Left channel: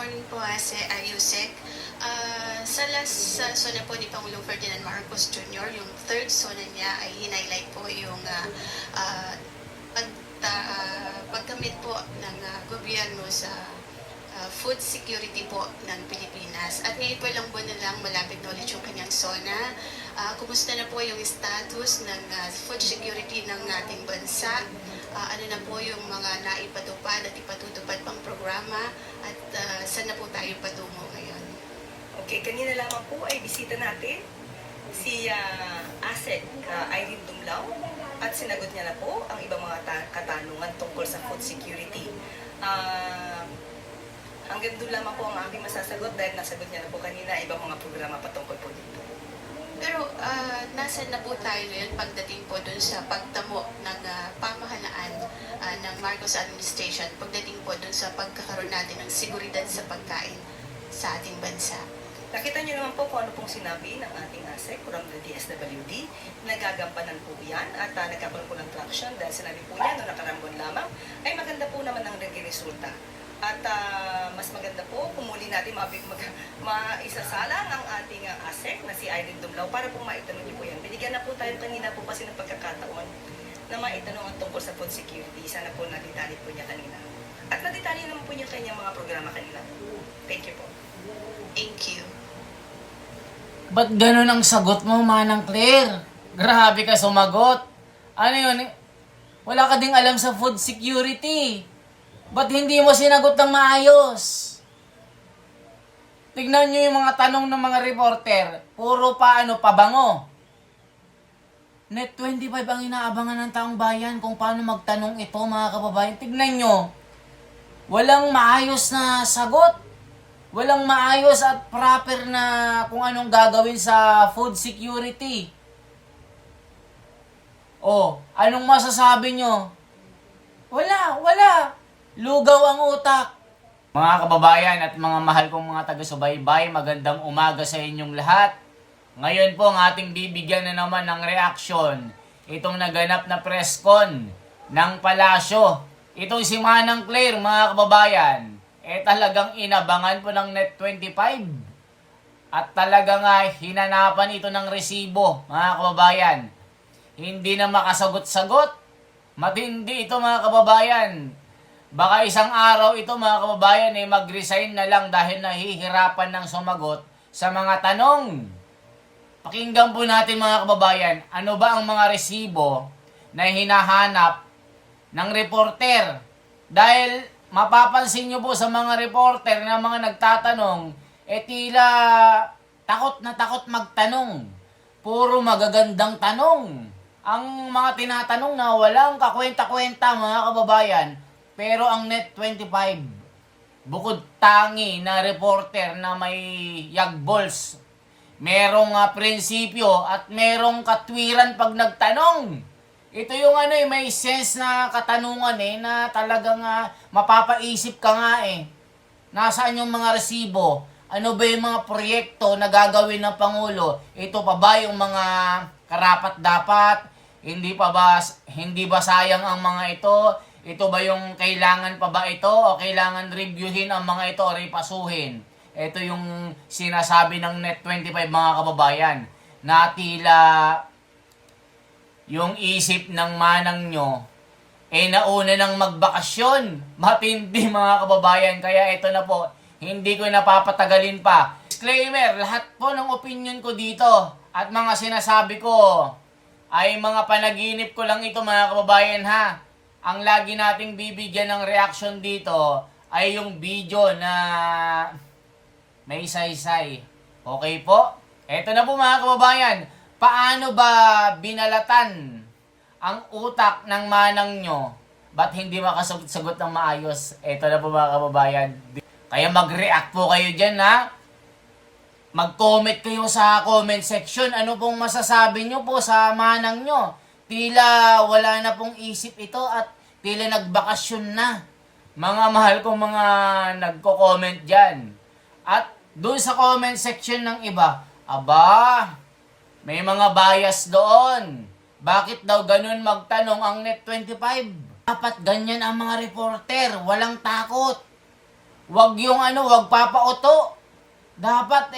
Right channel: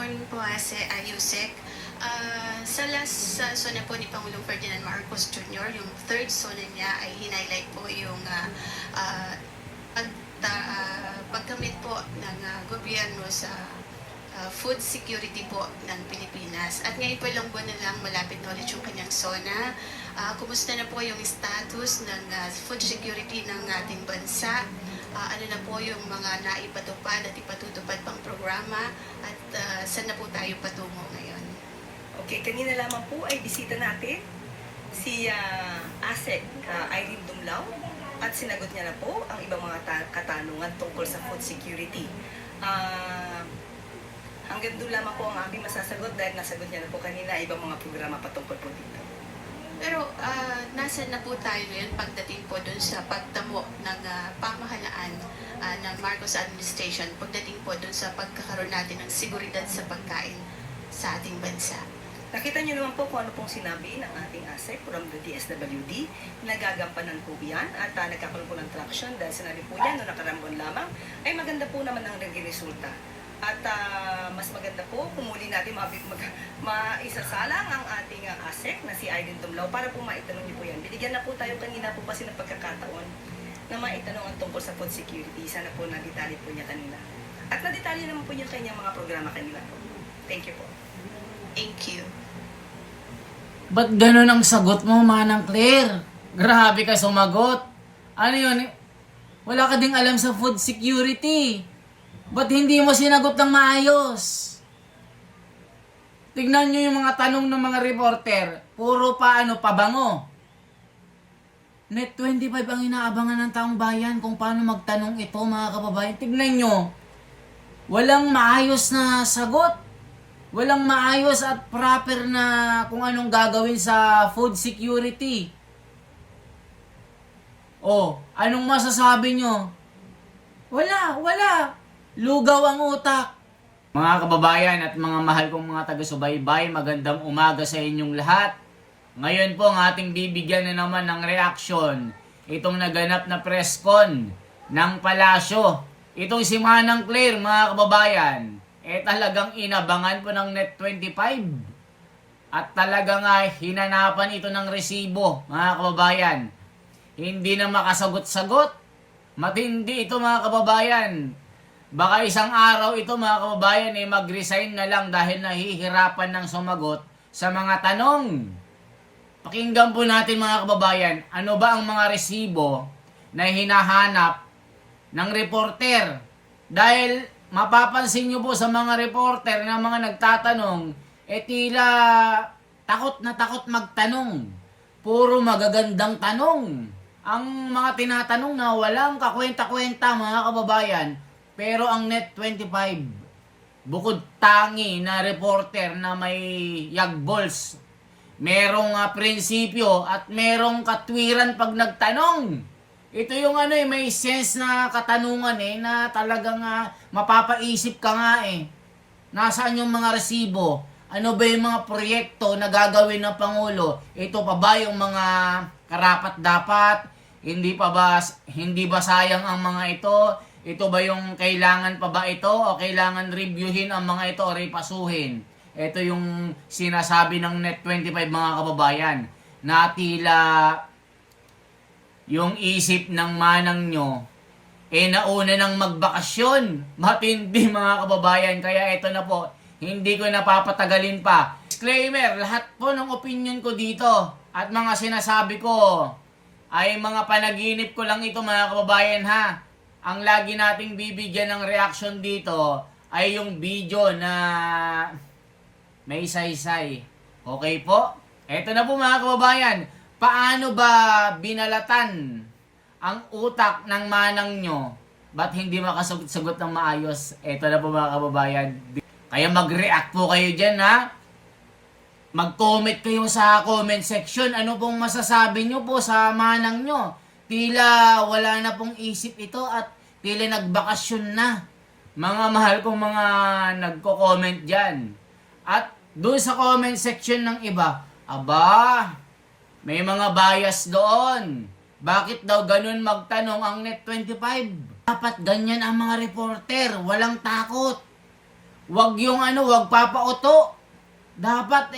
morning po, Yusek. Sa last sona po ni Pangulong Ferdinand Marcos Jr., yung third sona niya ay hinighlight po yung paggamit po ng gobyerno sa food security po ng Pilipinas. At ngayon po ilang buwan na lang malapit na ulit yung kanyang sona. Kumusta na po yung status ng food security ng ating bansa? Ano na po yung mga naipatupad at ipatutupad pang programa at saan na po tayo patungo ngayon? Okay, kanina lamang po ay bisita natin si ASEC Irene Dumlao at sinagot niya na po ang ibang mga katanungan tungkol sa food security. Hanggang doon lamang po ang aking masasagot dahil nasagot niya na po kanina ibang mga programa patungkol po dito. Pero nasan na po tayo ngayon pagdating po doon sa pagtamo ng pamahalaan ng Marcos administration, pagdating po doon sa pagkakaroon natin ng seguridad sa pagkain sa ating bansa? Nakita niyo naman po kung ano pong sinabi ng ating ASEC from the DSWD. Nagagampanan po yan at nagkakaroon po ng traction dahil sinabi po niya noong nakaraang buwan lamang ay maganda po naman ang naging resulta. At mas maganda po kung muli natin maisasalang ang ating ASEC na si Irene Dumlao para po maitanong niyo po yan. Binigyan na po tayo kanina po kasi ng pagkakataon na maitanong ang tungkol sa food security. Sana po nadetali po niya kanina. At nadetali naman po niya kanyang mga programa kanina po. Thank you po. Thank you. Ba't ganun ang sagot mo, Manang Claire? Grabe ka sumagot. Ano yun? Wala ka ding alam sa food security. Ba't hindi mo sinagot ng maayos? Tignan nyo yung mga tanong ng mga reporter. Puro pabango. Net 25 ang inaabangan ng taong bayan kung paano magtanong ito, mga kababayan. Tignan nyo. Walang maayos na sagot. Walang maayos at proper na kung anong gagawin sa food security. Anong masasabi nyo? Wala. Lugaw ang utak. Mga kababayan at mga mahal kong mga taga-subaybay, magandang umaga sa inyong lahat. Ngayon po ang ating bibigyan na naman ng reaksyon itong naganap na press con ng Palasyo. Itong si Manang Claire, mga kababayan, talagang inabangan po ng Net 25. At talagang hinanapan ito ng resibo, mga kababayan. Hindi na makasagot-sagot. Matindi ito, mga kababayan. Baka isang araw ito, mga kababayan, mag-resign na lang dahil nahihirapan ng sumagot sa mga tanong. Pakinggan po natin, mga kababayan, ano ba ang mga resibo na hinahanap ng reporter? Dahil mapapansin nyo po sa mga reporter na mga nagtatanong, tila takot na takot magtanong. Puro magagandang tanong. Ang mga tinatanong na walang kakwenta-kwenta, mga kababayan. Pero ang Net 25, bukod tangi na reporter na may yagbols, merong prinsipyo at merong katwiran pag nagtanong. Ito yung may sense na katanungan na talagang mapapaisip ka nga Nasaan yung mga resibo? Ano ba yung mga proyekto na gagawin ng Pangulo? Ito pa ba yung mga karapat-dapat? Hindi ba sayang ang mga ito? Ito ba yung kailangan pa ba ito? O kailangan reviewin ang mga ito o repasuhin? Ito yung sinasabi ng Net 25, mga kababayan, na tila yung isip ng manang nyo, nauna ng magbakasyon. Matindi, mga kababayan. Kaya ito na po, hindi ko napapatagalin pa. Disclaimer, lahat po ng opinion ko dito at mga sinasabi ko ay mga panaginip ko lang ito, mga kababayan, ha. Ang lagi nating bibigyan ng reaction dito ay yung video na may saysay. Okay po? Ito na po, mga kababayan. Paano ba binalatan ang utak ng manang nyo? Ba't hindi makasagot ng maayos? Ito na po, mga kababayan. Kaya mag-react po kayo dyan, ha? Mag-comment kayo sa comment section. Ano pong masasabi nyo po sa manang nyo? Tila wala na pong isip ito at tila nagbakasyon na. Mga mahal kong mga nagko-comment dyan. At doon sa comment section ng iba, may mga bias doon. Bakit daw ganun magtanong ang Net 25? Dapat ganyan ang mga reporter, walang takot. Wag yung wag papauto. Dapat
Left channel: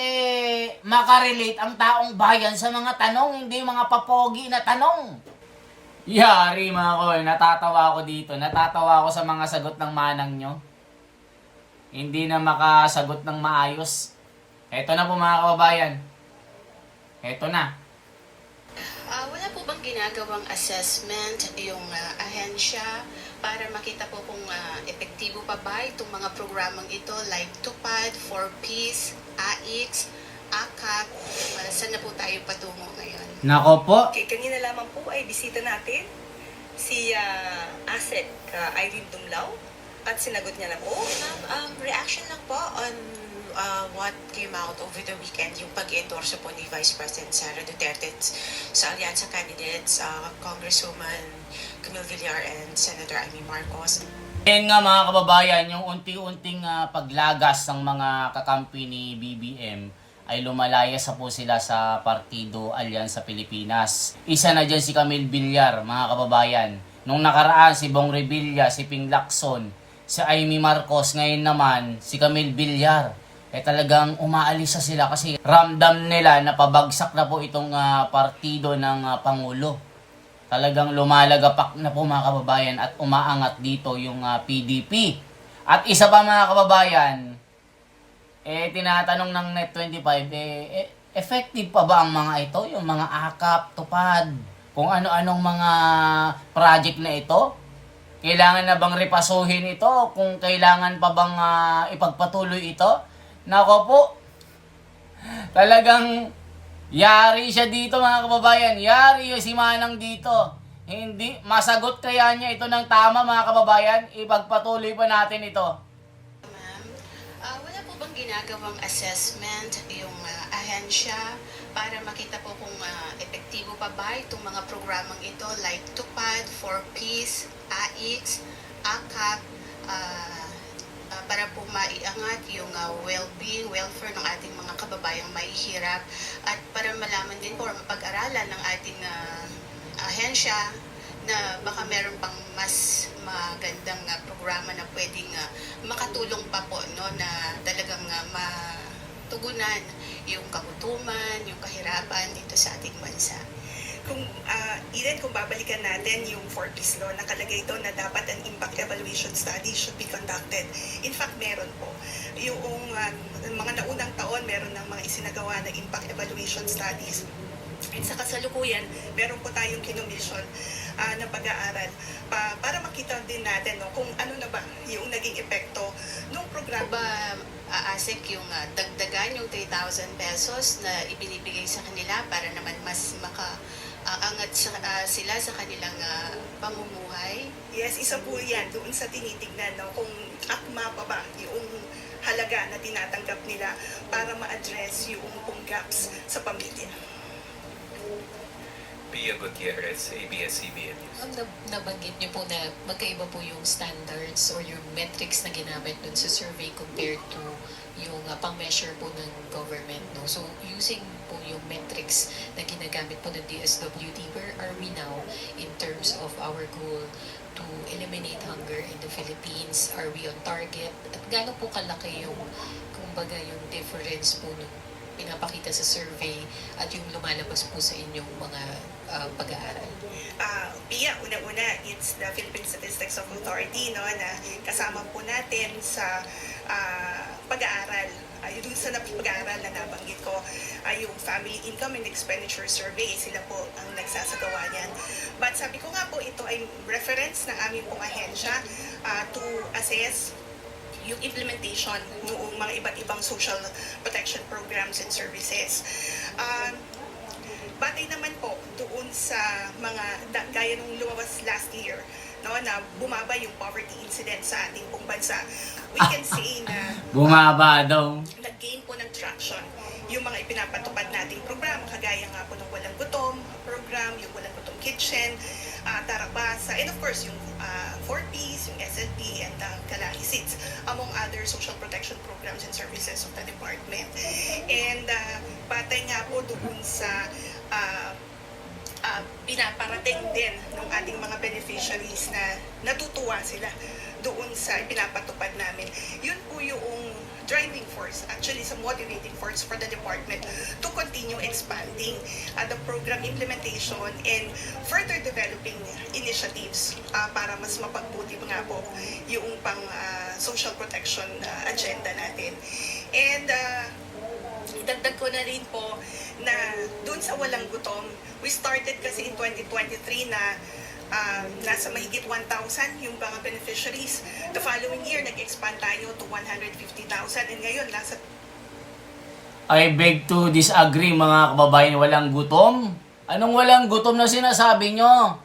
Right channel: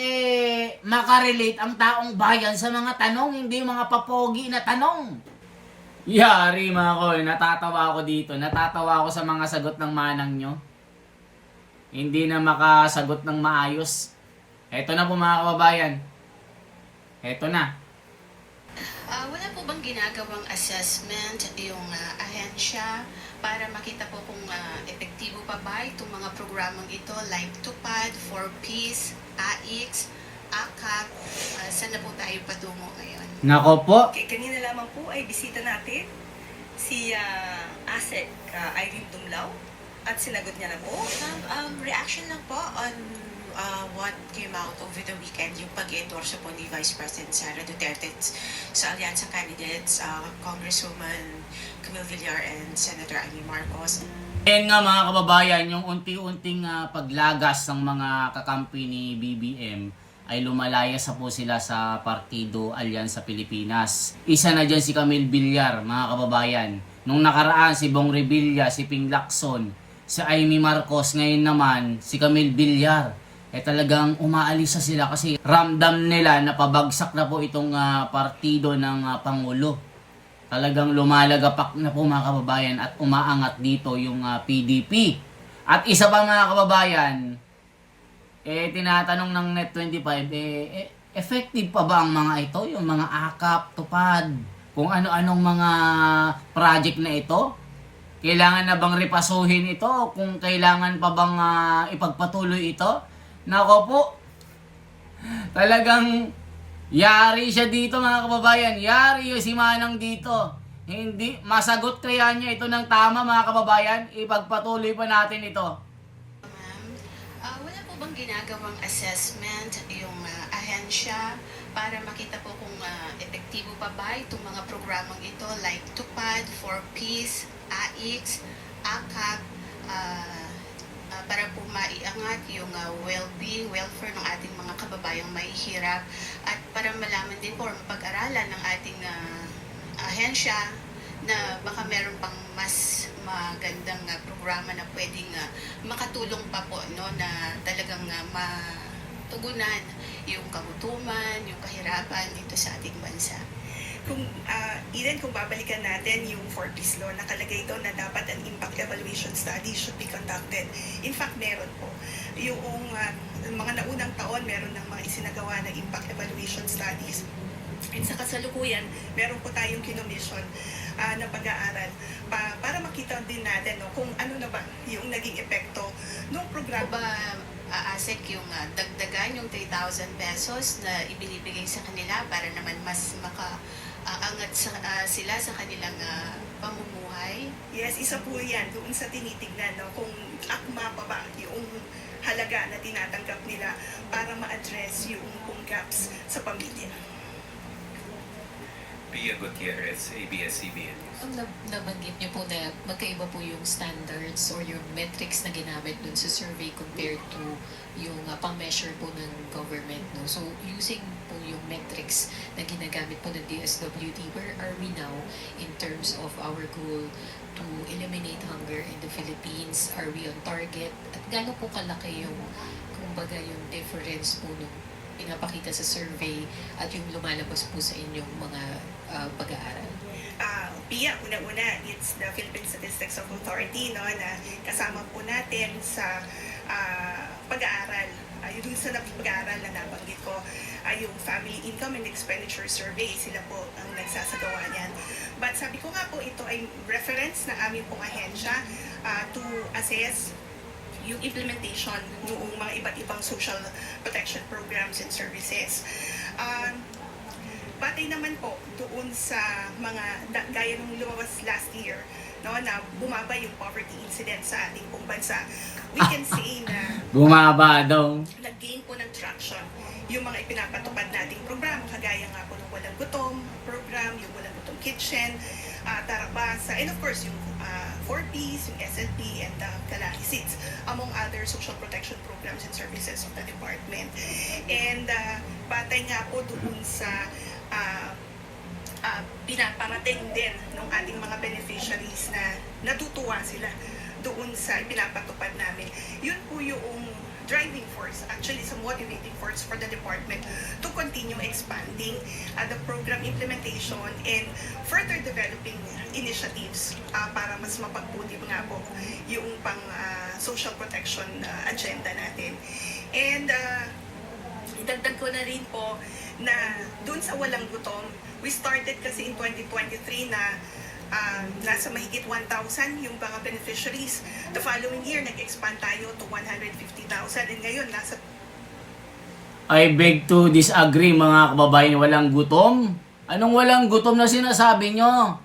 makarelate ang taong bayan sa mga tanong, hindi mga papogi na tanong. Yari mga koy, natatawa ako dito. Natatawa ako sa mga sagot ng manang nyo. Hindi na makasagot ng maayos. Eto na po mga kababayan. Eto na. Wala po bang ginagawang assessment yung ahensya para makita po kung epektibo pa ba itong mga programang ito like TUPAD, 4Ps, AIX, AKAP, saan na po tayo patungo ngayon? Nako po. Okay, kanina lamang po ay bisita natin si ASEC Irene Dumlao at sinagot niya na po. Reaction lang po on what came out over the weekend, yung pag-endorse po ni Vice President Sara Duterte sa alyansa candidates, Congresswoman Camille Villar and Senator Amy Marcos. Ayan nga mga kababayan, yung unti-unting paglagas ng mga kakampi ni BBM ay lumalaya sa po sila sa Partido Alyansa Pilipinas. Isa na dyan si Camille Villar, mga kababayan. Nung nakaraan si Bong Revilla, si Ping Lacson, si Amy Marcos, ngayon naman si Camille Villar. Talagang umaalis na sila kasi ramdam nila na pabagsak na po itong partido ng Pangulo. Talagang lumalagapak na po mga kababayan at umaangat dito yung PDP. At isa pa mga kababayan, tinatanong ng Net25, effective pa ba ang mga ito? Yung mga AKAP, TUPAD, kung ano-anong mga project na ito? Kailangan na bang repasuhin ito? Kung kailangan pa bang ipagpatuloy ito? Nako po, talagang yari siya dito mga kababayan. Yari yung si Manang dito. Hindi, masagot kaya niya ito ng tama mga kababayan? Ipagpatuloy pa natin ito. Ma'am, wala po bang ginagawang assessment yung ahensya para makita po kung epektibo pa ba itong mga programang ito like TUPAD, 4Ps, AIX, AKAP, para po maiangat yung well-being, welfare ng ating mga kababayang mahihirap at para malaman din po, mapag-aralan ng ating ahensya na baka meron pang mas magandang programa na pwedeng makatulong pa po no, na talagang matugunan yung kagutuman, yung kahirapan dito sa ating bansa. Kung babalikan natin yung 4Ps law, nakalagay ito na dapat an impact evaluation study should be conducted. In fact, meron po. Yung mga naunang taon, meron ng mga isinagawa na impact evaluation studies. At sa kasalukuyan, meron po tayong kinomission na pag-aaral para makita din natin kung ano na ba yung naging epekto ng Ano programa. ba ASEC yung dagdagan yung 3,000 pesos na ibinibigay sa kanila para naman mas makaangat sila sa kanilang pamumuhay? Yes, isa po yan doon sa tinitignan kung akma pa ba yung halaga na tinatanggap nila para ma-address yung gaps sa pamilya. Pia Gutierrez, ABS-CBN News. Nabanggit niyo po na magkaiba po yung standards or yung metrics na ginamit dun sa survey compared to yung pang-measure po ng government. No? So, using po yung metrics na ginagamit po ng DSWD, where are we now in terms of our goal to eliminate hunger in the Philippines? Are we on target? At gaano po kalaki yung, kumbaga, yung difference po nung pinapakita sa survey at yung lumalabas po sa inyong mga pag-aaral? Pia, una-una, it's the Philippine Statistics Authority na kasama po natin sa pag-aaral. Yung sa pag-aaral na nabanggit ko, yung Family Income and Expenditure Survey, sila po ang nagsasagawa niyan. But sabi ko nga po, ito ay reference ng aming pong ahensya to assess yung implementation ng mga iba't ibang social protection programs and services. Batay naman po doon sa mga gaya nung lumabas last year, no, na bumaba yung poverty incident sa ating pong bansa. We can say na Bumaba daw. nag-gain po ng traction yung mga ipinapatupad nating programa, kagaya nga po ng Walang Gutom program, yung Walang Gutom Kitchen, Tarabasa, and of course yung 4Ps, yung SLP, and Kalaki Seats, among other social protection programs and services of the department. And batay nga po doon sa pinaparating din ng ating mga beneficiaries na natutuwa sila doon sa pinapatupad namin. Yun po yung driving force, actually sa motivating force for the department to continue expanding the program implementation and further developing initiatives para mas mapagbuti nga po yung pang social protection agenda natin. And idagdag ko na rin po na dun sa walang gutom, we started kasi in 2023 na nasa mahigit 1,000 yung mga beneficiaries. The following year, nag-expand tayo to 150,000 and ngayon nasa I beg to disagree mga kababayan, walang gutom. Anong walang gutom na sinasabi nyo?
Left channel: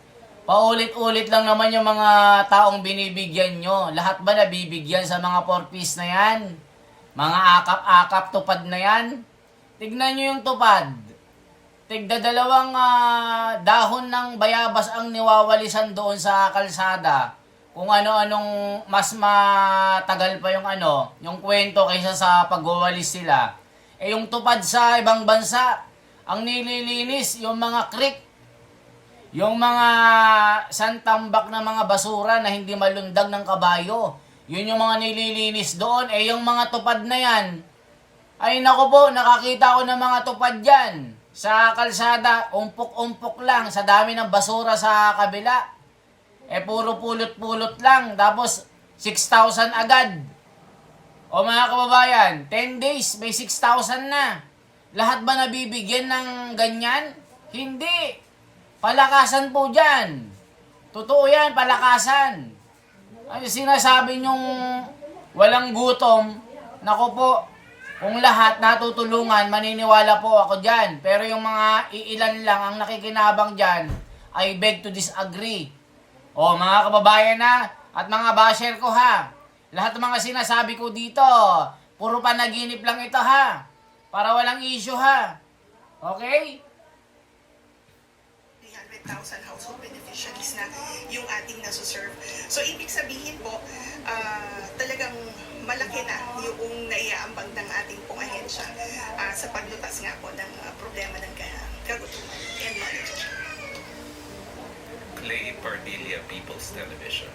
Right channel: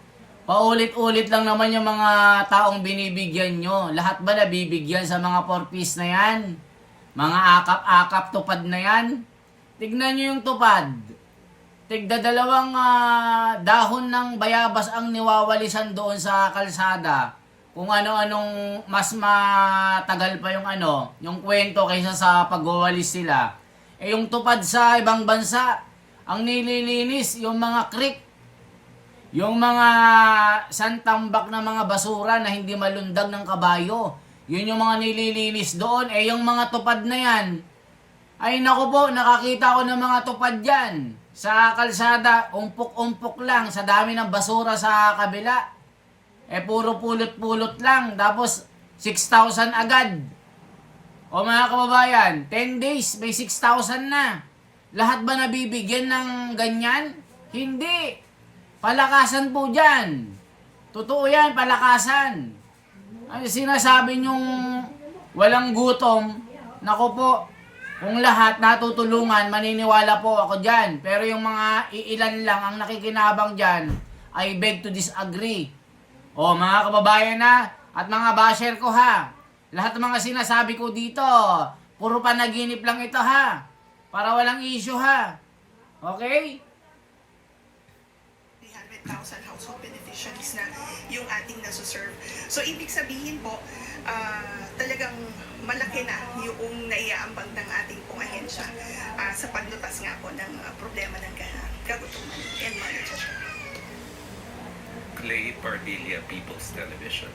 Paulit-ulit lang naman yung mga taong binibigyan nyo. Lahat ba nabibigyan sa mga 4-piece na yan? Mga akap-akap tupad na yan? Tignan nyo yung tupad. Tigda dalawang dahon ng bayabas ang niwawalisan doon sa kalsada. Kung ano-anong mas matagal pa yung kwento kaysa sa pagwawalis sila. Eh yung tupad sa ibang bansa, ang nililinis yung mga creek, yung mga santambak na mga basura na hindi malundag ng kabayo. Yun yung mga nililinis doon. Eh yung mga tupad na yan, ay naku po, nakakita ko ng mga tupad dyan. Sa kalsada, umpok-umpok lang, sa dami ng basura sa kabila. Eh puro pulot-pulot lang, tapos 6,000 agad. O mga kababayan, 10 days, may 6,000 na. Lahat ba nabibigyan ng ganyan? Hindi. Palakasan po dyan. Totoo yan, palakasan. Ano sinasabi nyong walang gutom? Naku po, kung lahat natutulungan, maniniwala po ako dyan. Pero yung mga iilan lang ang nakikinabang dyan, I beg to disagree. O mga kababayan na, at mga basher ko ha, lahat ng mga sinasabi ko dito, puro panaginip lang ito ha. Para walang issue ha. Okay? 300,000 household beneficiaries na yung ating nasuserve. So, ibig sabihin po, talagang malaki na yung naiaambag ng ating pong ahensya sa paglutas nga po ng problema ng kagutuman. Yan mo, Clay Pardilia, People's Television.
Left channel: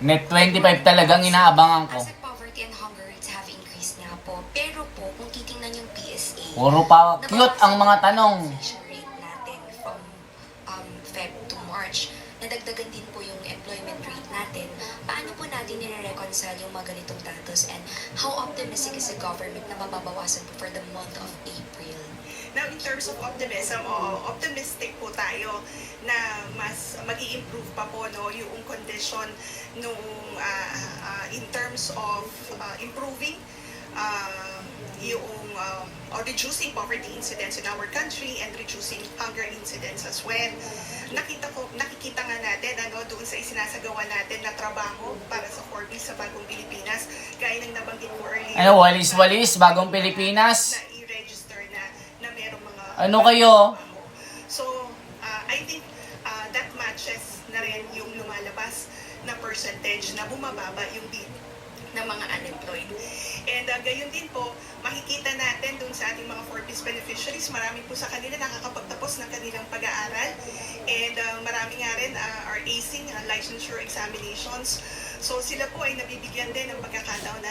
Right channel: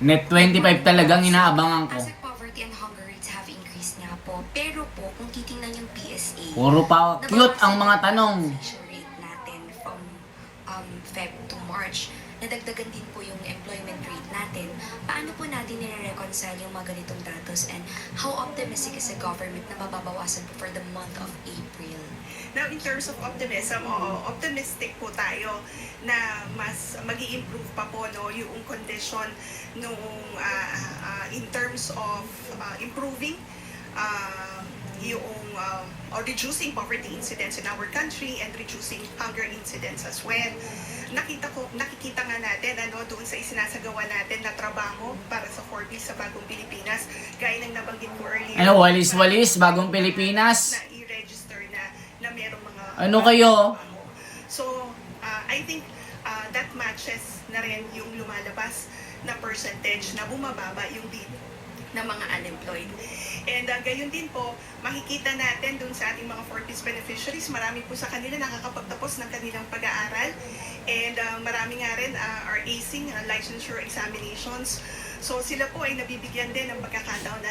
Net 25 talagang inaabangan ko. As poverty and hunger rates have increased nga po. Pero po, kung titingnan yung PSA, Puro pa cute ang mga tanong. Nabawasan yung rate natin from Feb to March. Nadagdagan din po yung employment rate natin. Paano po natin nire-reconcile yung mga ganitong datos and how optimistic is the government na mababawasan po for the month of April? Now, in terms of optimism, optimistic po tayo na mas mag-i-improve pa po yung condition nung in terms of improving yung or reducing poverty incidents in our country and reducing hunger incidents as well. Nakikita nga natin doon sa isinasagawa natin na trabaho para sa 4Ps sa Bagong Pilipinas, gaya ng nabanggit ko earlier. Walis-walis, Bagong Pilipinas. Na i-register na merong mga Ano kayo? trabaho. So, I think that matches na rin yung lumalabas na percentage na bumababa yung bill ng mga unemployed. And gayon din po, makikita natin dun sa ating mga 4Ps beneficiaries, marami po sa kanila nakakapagtapos ng kanilang pag-aaral. And marami nga rin are acing licensure examinations. So sila po ay nabibigyan din ng pagkakataon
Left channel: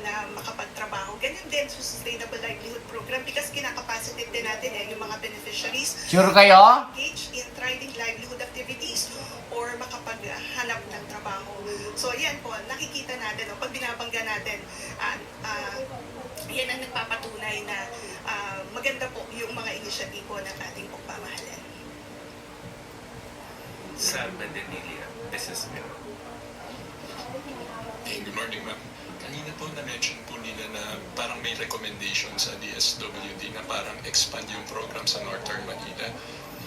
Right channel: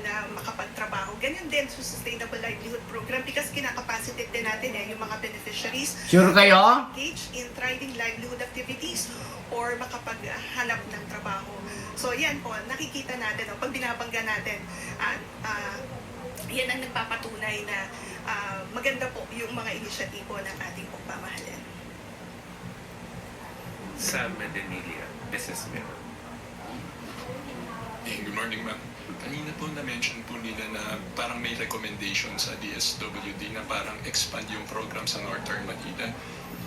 na makapagtrabaho. Ganyan din sa Sustainable Livelihood Program because kinakapacitate din natin yung mga beneficiaries Sure kayo? engage in thriving livelihood activities or makapaghanap ng trabaho. So yan po, nakikita natin, pag binabangga natin, yan ang nagpapatunay na maganda po yung mga inisyatibo ng ating pagmamahalan. Sam Medenilia, Businessman. Good morning, ma'am. Kanina po na-mention po nila na parang may recommendation sa DSWD na parang expand yung program sa Northern Manila.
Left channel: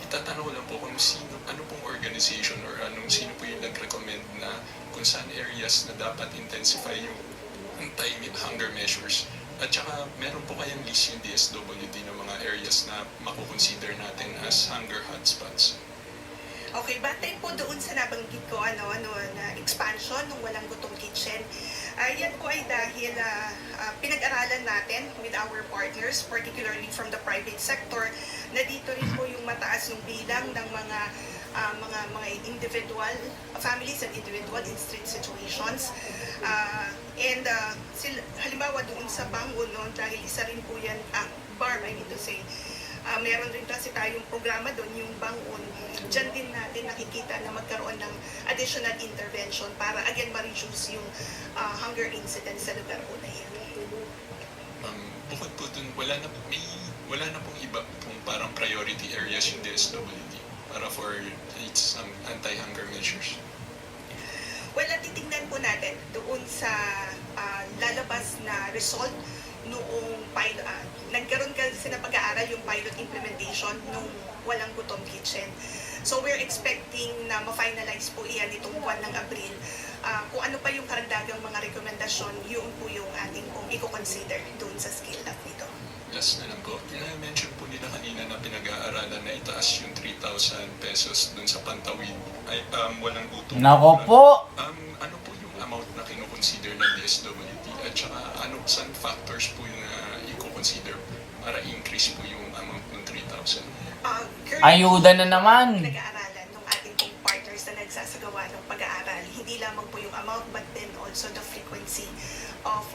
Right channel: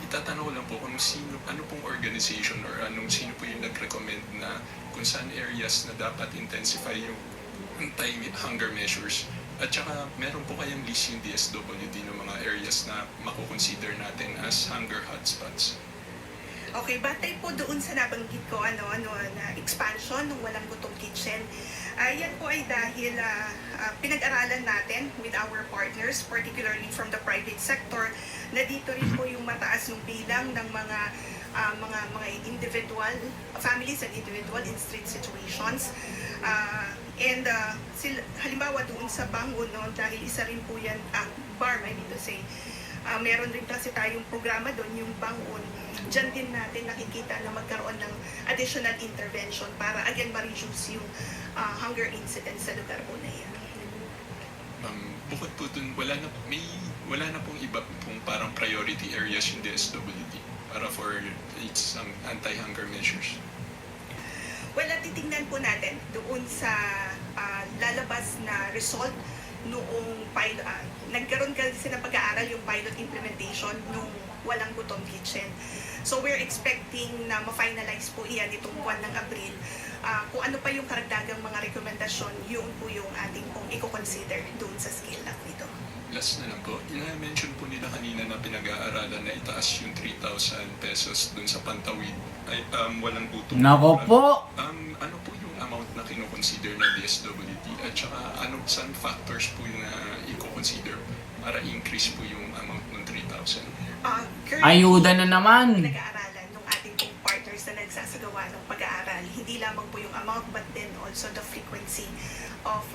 Itatanong lang po kung ano pong organization or sino po yung nag-recommend na kung saan areas na dapat intensify yung anti-hunger measures. At saka meron po kayang list yung DSWD ng mga areas na makukonsider natin as hunger hotspots. Okay, batay po doon sa nabanggit ko, na expansion ng Walang Gutom Kitchen. Yan po ay dahil pinag-aralan natin with our partners, particularly from the private sector, na dito rin po yung mataas yung bilang ng mga mga individual, families and individual in street situations. Halimbawa doon sa Bangon, no, dahil isa rin po yan, bar, I need to say, meron rin kasi tayong programa doon, yung Bangon. Diyan din natin nakikita na magkaroon ng additional intervention para again ma-reduce yung hunger incidence sa lugar po na yan. Bukod po dun, wala na pong iba pong parang priority areas yung DSWD para for its anti-hunger measures. Well, titingnan po natin doon sa lalabas na result noong pilot. Nagkaroon kasi ng pag-aaral yung pilot implementation nung walang gutom kitchen. So we're expecting na ma-finalize po iyan itong buwan ng Abril. Kung ano pa yung karagdagang mga rekomendasyon, yun po yung ating pong i-consider doon sa skill lab nito. Last na lang po, mention po nila kanina na pinag-aaralan na itaas yung 3,000 pesos dun sa Pantawid. Ay, walang gutom. Nako po! Ano po yung amount na kinoconsider ng DSWD at saka saan factors po yung i-consider para increase po yung amount ng 3,000? Ayuda na naman! Pinag-aaralan ng ating pong partners na nagsasagawa ng pag-aaral. Hindi lamang po yung amount but then also the frequency of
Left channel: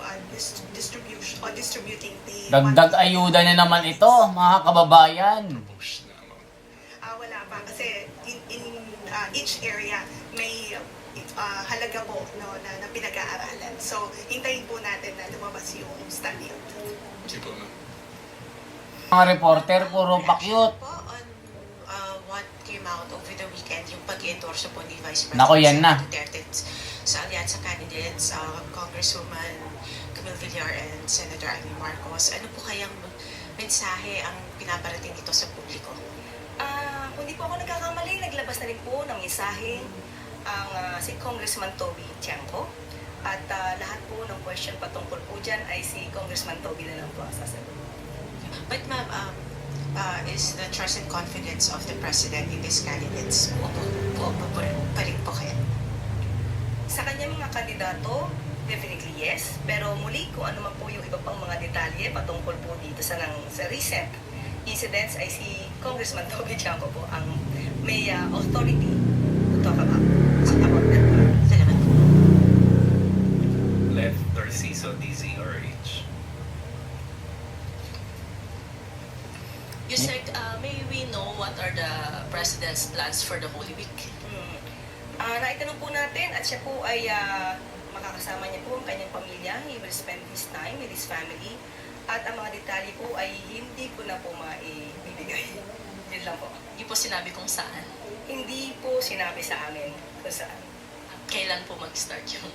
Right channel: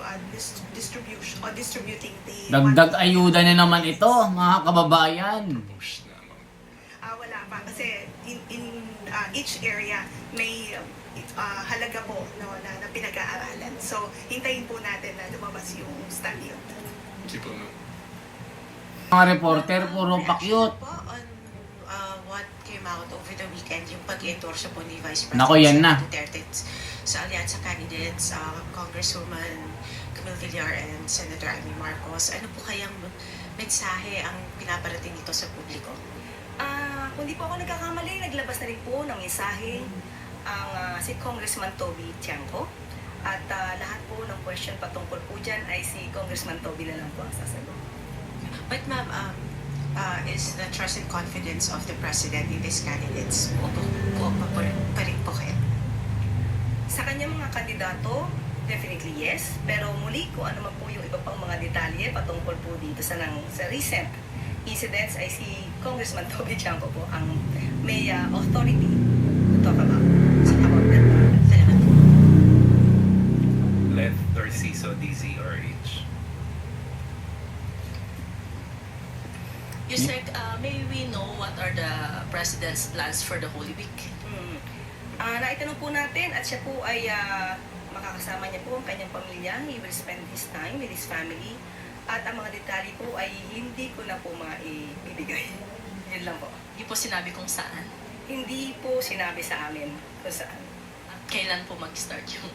distributing the... Dagdag ayuda na naman ito, mga kababayan. Push na amount. Wala pa kasi in each area may halaga po, no, na pinag-aaralan. So hintayin po natin na lumabas yung study. Hindi po ma'am. Mga reporter, puro pakyut. Po on what came out over the weekend, yung pag-endorse po ni Vice President Nako, yan na. Duterte sa alyansa candidates, Congresswoman Camille Villar and Senator Amy Marcos. Ano po kayang mensahe ang pinaparating dito sa publiko? Kung di po ako nagkakamali, naglabas na rin po ng mensahe ang si Congressman Toby Tiangco. At lahat po ng question patungkol po dyan ay si Congressman Toby na lang po ang sasagot. But ma'am, is the trust and confidence of the President in these candidates buo pa rin po kayo? Sa kanyang mga kandidato, definitely yes. Pero muli, kung ano man po yung iba pang mga detalye patungkol po dito sa recent incidents ay si Congressman Toby Tiangco po ang may authority to talk about. Salamat po. Left or CISO, DZRH. You said, may we know what are the President's plans for the Holy Week? Naitanong po natin at siya po ay makakasama niya po ang kanyang pamilya. He will spend his time with his family. At ang mga detalye po ay hindi ko na po maibibigay. Yun lang po. Hindi po sinabi kung saan. Hindi po sinabi sa amin kung saan. At kailan po mag-start yung...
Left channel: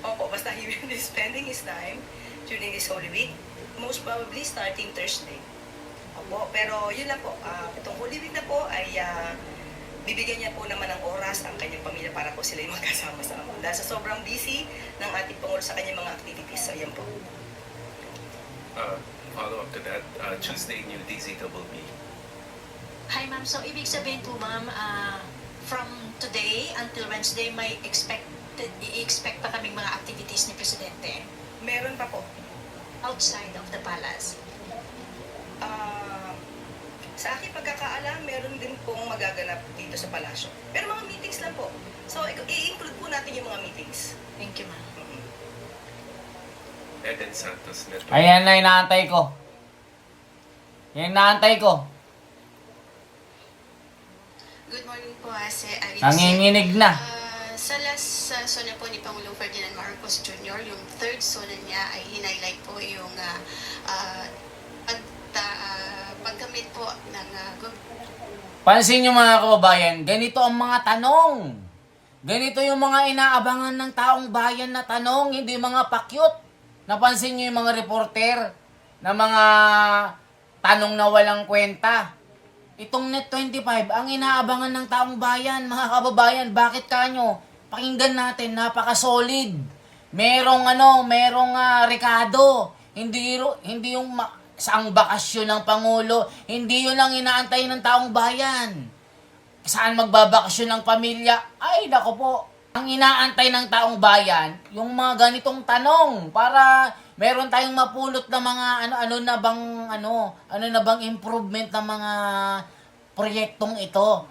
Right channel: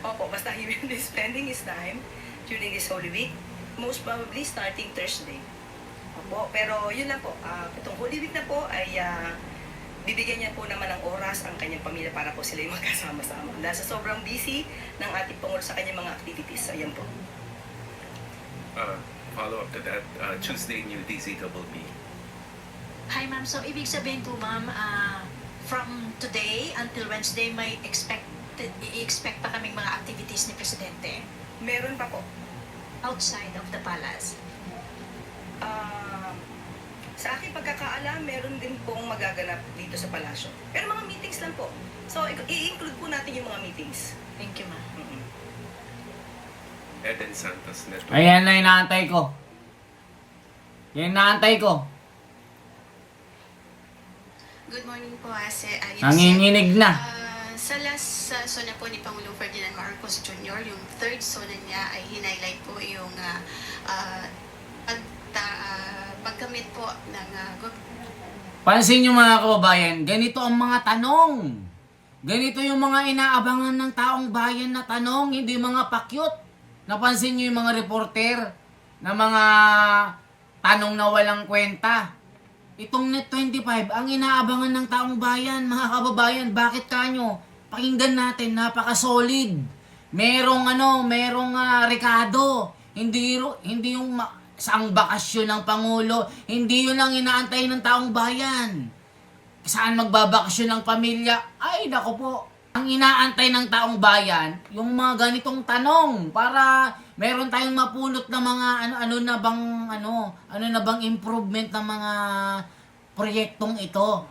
Opo, basta he will be spending his time during this Holy Week. Most probably starting Thursday. Opo, pero yun lang po. Itong Holy Week na po ay bibigyan niya po naman ng oras ang kanyang pamilya para po sila magkasama-sama. Dahil sa sobrang busy ng ating Pangulo sa kanyang mga activities. So yan po. Follow up to that, Tuesday new DZWB. Hi ma'am, so ibig sabihin po ma'am, from today until Wednesday may i-expect pa kaming mga activities ni Presidente Meron pa po. outside of the palace. Sa aking pagkakaalam, meron din pong magaganap dito sa palasyo. Pero mga meetings lang po. So, i-include po natin yung mga meetings. Thank you ma'am. Eden Santos Network. Ayan na inaantay ko. Yan inaantay ko. Good morning po, si Alice. Nanginginig na. Sa last sona po ni Pangulong Ferdinand Marcos Jr., yung third sona niya ay hinighlight po yung pagkamit po ng Pansin nyo mga kababayan, ganito ang mga tanong. Ganito yung mga inaabangan ng taong bayan na tanong, hindi mga pakyut. Napansin nyo yung mga reporter na mga tanong na walang kwenta. Itong Net 25, ang inaabangan ng taong bayan, mga kababayan, bakit kanyo? Pakinggan natin, napaka-solid. Merong rekado. Hindi yung saang bakasyon ng Pangulo. Hindi yun ang inaantay ng taong bayan. Saan magbabakasyon ng pamilya? Ay, nako po. Ang inaantay ng taong bayan, yung mga ganitong tanong para meron tayong mapulot na mga ano na bang improvement ng mga proyektong ito.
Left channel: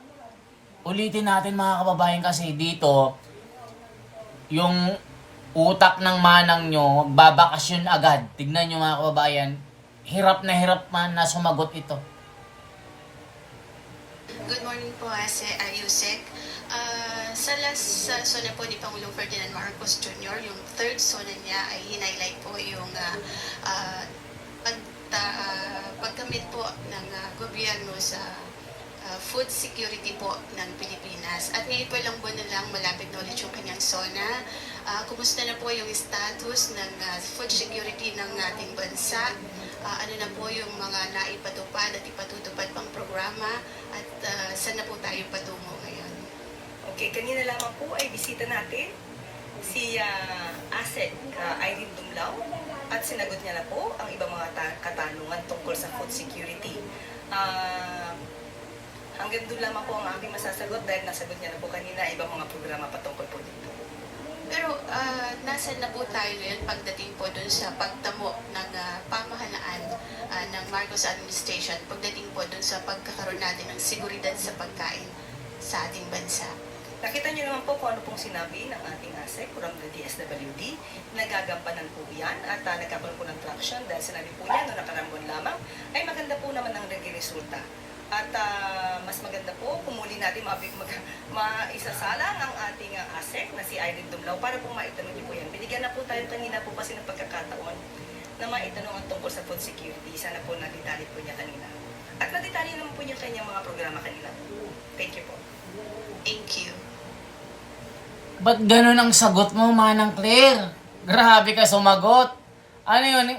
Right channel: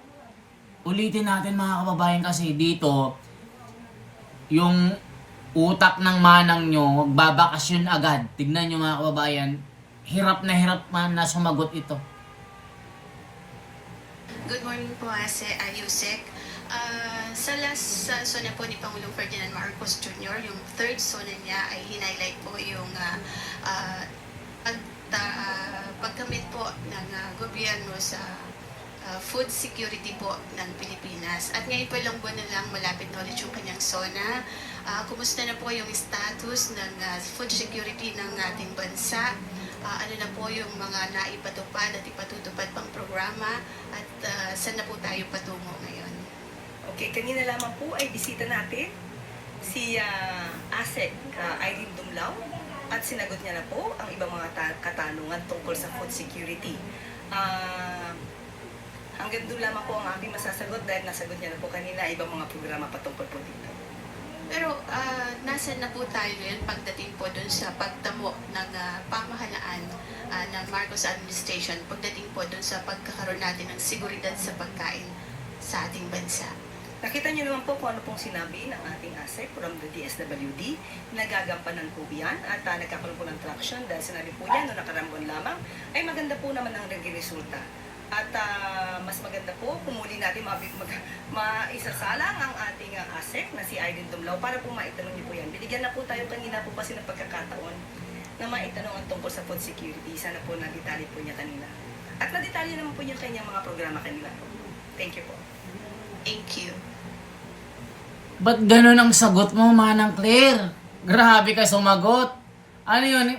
Ulitin natin mga kababayan kasi dito, yung utak ng manang nyo, magbabakasyon agad. Tignan nyo mga kababayan, hirap man na sumagot ito. Good morning po, Yusek. Sa last sona po ni Pangulong Ferdinand Marcos Jr., yung third sona niya ay hinighlight po yung paggamit po ng gobyerno sa food security po ng Pilipinas. At ngayon po lang po nilang malapit na ulit yung kanyang SONA. Kumusta na po yung status ng food security ng ating bansa? Ano na po yung mga naipatupad at ipatutupad pang programa? At saan na po tayo patungo ngayon? Okay, kanina lamang po ay bisita natin si ASEC Irene Dumlao at sinagot niya na po ang ibang mga katanungan tungkol sa food security. Hanggang doon lamang po ang aking masasagot dahil nasagot niya na po kanina ibang mga programa patungkol po dito. Pero nasan na po tayo ngayon pagdating po doon sa pagtamo ng pamahalaan ng Marcos administration, pagdating po doon sa pagkakaroon natin ng seguridad sa pagkain sa ating bansa? Nakita niyo naman po kung ano pong sinabi ng ating ASEC from the DSWD. Nagagampanan po yan at nagkakaroon po ng traction dahil sinabi po niya noong nakaraang buwan lamang ay maganda po naman ang naging resulta. At mas maganda po kung muli natin maisasalang ang ating ASEC na si Irene Dumlao para po maitanong niyo po yan. Binigyan na po tayo kanina po kasi ng pagkakataon na maitanong ang tungkol sa food security. Sana po nadetali po niya kanina. At nadetali naman po niya kanyang mga programa kanina. Thank you po. Thank you. Ba't ganun ang sagot mo, Manang Claire? Grabe ka sumagot. Ano yun?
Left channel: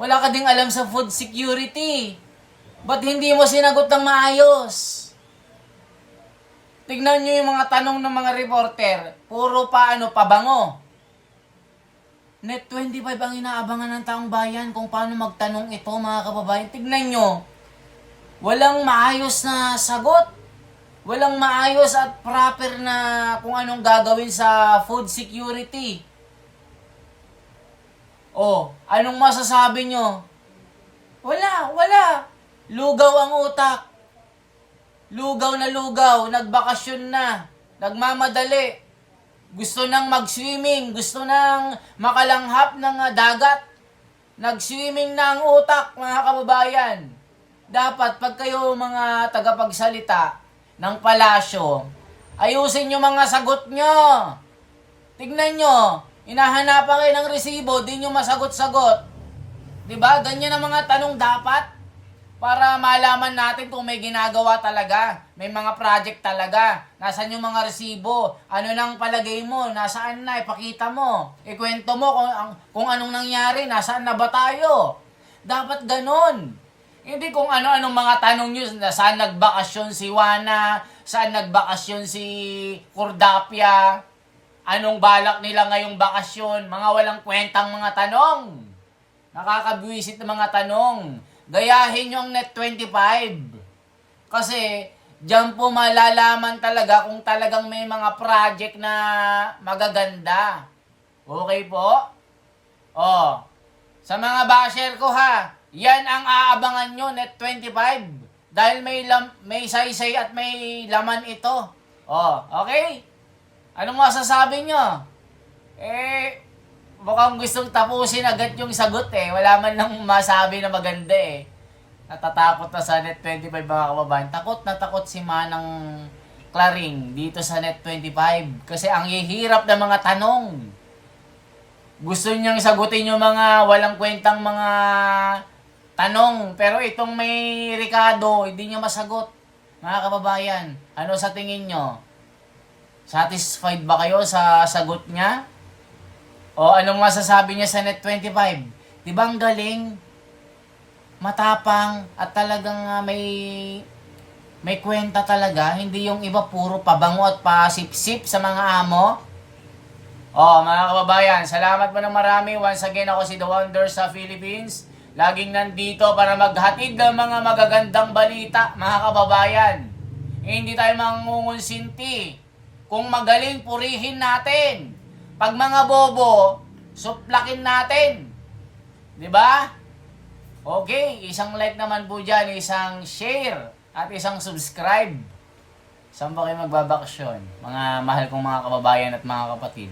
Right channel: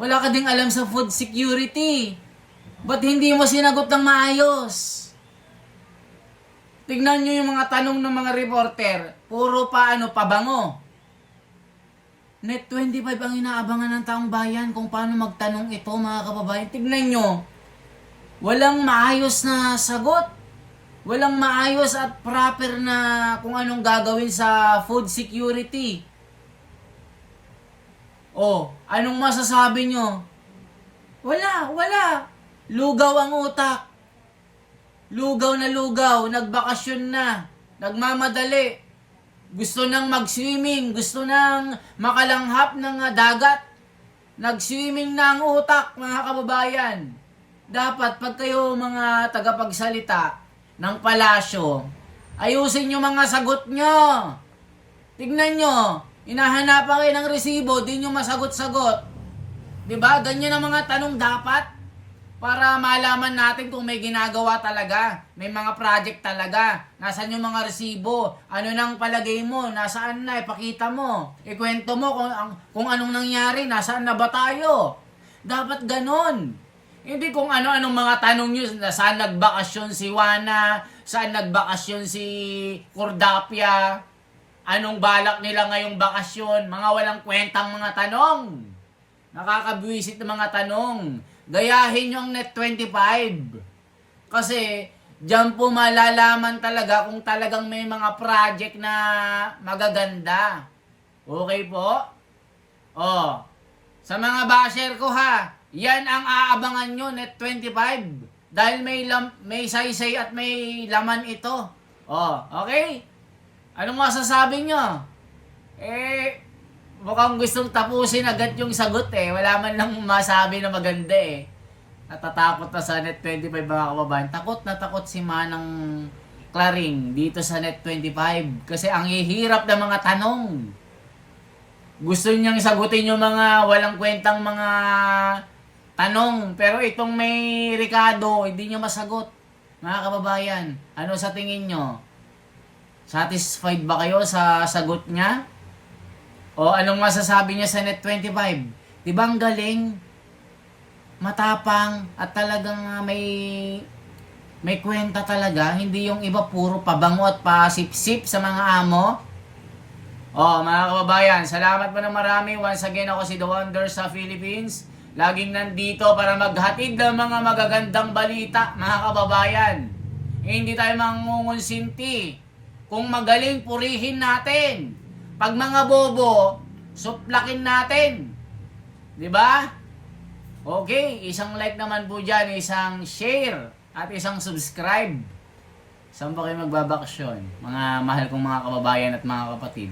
Wala ka ding alam sa food security. Ba't hindi mo sinagot ng maayos? Tignan nyo yung mga tanong ng mga reporter. Puro pabango. Net 25 ang inaabangan ng taong bayan kung paano magtanong ito, mga kababayan. Tignan nyo. Walang maayos na sagot. Walang maayos at proper na kung anong gagawin sa food security. Anong masasabi nyo? Wala. Lugaw ang utak. Lugaw na lugaw, nagbakasyon na, nagmamadali. Gusto nang mag-swimming, gusto nang makalanghap ng dagat. Nag-swimming na ang utak, mga kababayan. Dapat pag kayo mga tagapagsalita ng palasyo, ayusin nyo mga sagot nyo. Tignan nyo, hinahanapan kayo ng resibo, di nyo masagot-sagot. Diba? Ganyan ang mga tanong dapat para malaman natin kung may ginagawa talaga, may mga project talaga. Nasaan yung mga resibo? Ano nang palagay mo? Nasaan na? Ipakita mo. Ikwento mo kung anong nangyari. Nasaan na ba tayo? Dapat ganon. Hindi kung ano-anong mga tanong nyo, saan nagbakasyon si Juana, saan nagbakasyon si Cordapia, anong balak nila ngayong bakasyon, mga walang kwentang mga tanong. Nakakabwisit ng mga tanong. Gayahin nyo ang Net 25. Kasi, diyan po malalaman talaga kung talagang may mga project na magaganda. Okay po? Sa mga basher ko ha, yan ang aabangan nyo, Net 25. Dahil may saysay at may laman ito. Okay? Anong masasabi nyo? Mukhang gustong tapusin agad yung sagot Wala man lang masabi na maganda Natatakot na sa Net 25 mga kababayan. Takot na takot si Manang Claring dito sa Net 25. Kasi ang hihirap ng mga tanong. Gusto niyang sagutin yung mga walang kwentang mga tanong, pero itong may Ricardo, hindi nyo masagot. Mga kababayan, ano sa tingin nyo? Satisfied ba kayo sa sagot niya? O anong masasabi niya sa Net 25? Diba ang galing? Matapang at talagang may kwenta talaga. Hindi yung iba puro pabango at pasipsip sa mga amo. Mga kababayan, salamat po ng marami. Once again, ako si The Wonder sa Philippines. Laging nandito para maghatid ng mga magagandang balita, mga kababayan. Hindi tayo mangungunsinti. Kung magaling, purihin natin. Pag mga bobo, suplakin natin. Diba? Okay, isang like naman po dyan, isang share, at isang subscribe. Saan ba kayo magbabakasyon? Mga mahal kong mga kababayan at mga kapatid.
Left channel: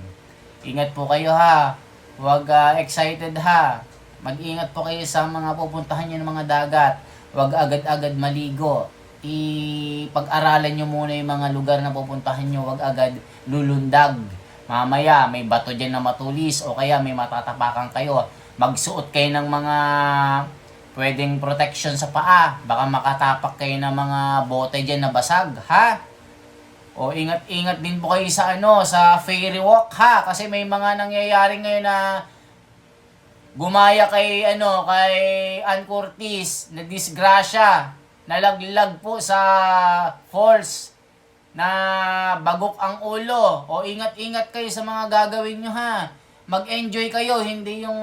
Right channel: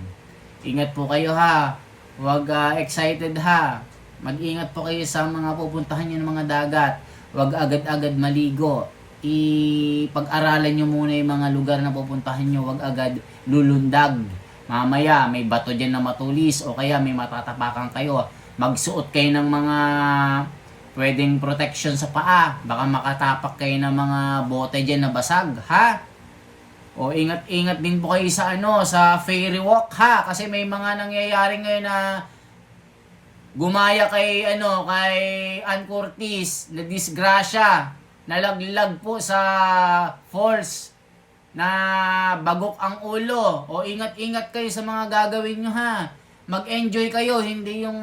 Ingat po kayo ha. Huwag excited ha. Mag-ingat po kayo sa mga pupuntahan nyo ng mga dagat. Huwag agad-agad maligo. Ipag-aralan nyo muna yung mga lugar na pupuntahan nyo. Huwag agad lulundag. Mamaya may bato dyan na matulis o kaya may matatapakan kayo. Magsuot kayo ng mga pwedeng protection sa paa. Baka makatapak kayo ng mga bote dyan na basag, ha? O ingat-ingat din po kayo sa sa ferry walk, ha? Kasi may mga nangyayari ngayon na gumaya kay kay Ann Curtis, na disgrasya, nalaglag po sa falls na bagok ang ulo. O ingat-ingat kayo sa mga gagawin nyo, ha? Mag-enjoy kayo, hindi yung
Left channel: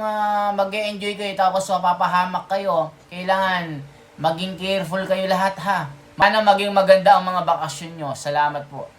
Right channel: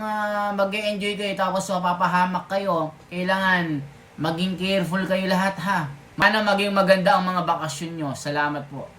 mag-enjoy kayo tapos mapapahamak kayo. Kailangan maging careful kayo lahat, ha? Sana maging maganda ang mga bakasyon nyo. Salamat po.